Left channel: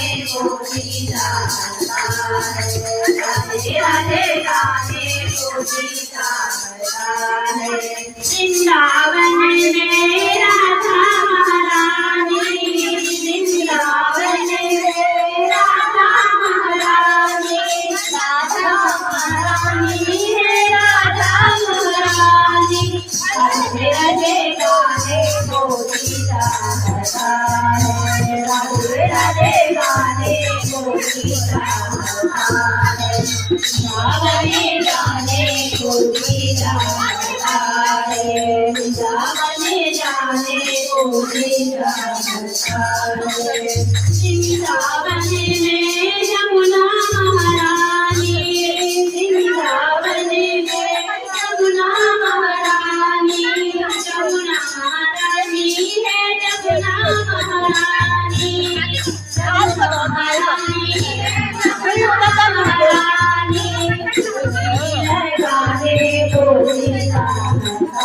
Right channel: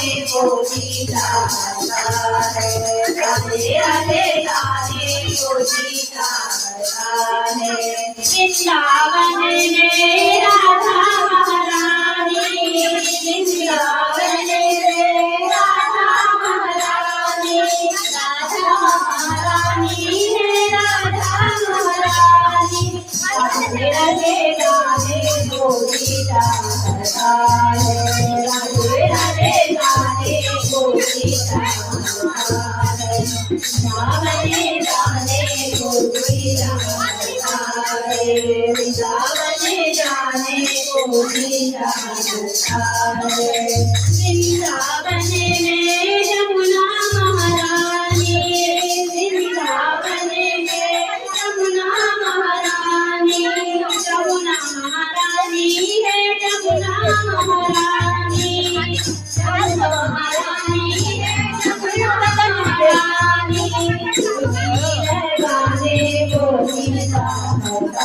गोपी जाता है, राधे राधे गाने गोपी जाता है। वृंदावन में राधा महारानी, वृंदावन में राधा महारानी, राधा महारानी है राधा महारानी। राधे राधे गाने गोपी जाता है, राधे राधे गाने गोपी जाता है। वृंदावन जाने गोपी जाता है, वृंदावन जाने गोपी जाता है। वृंदावन में यमुना महारानी, वृंदावन में यमुना महारानी, यमुना महारानी है यमुना महारानी, यमुना महारानी है यमुना महारानी। गाने गोपी जाता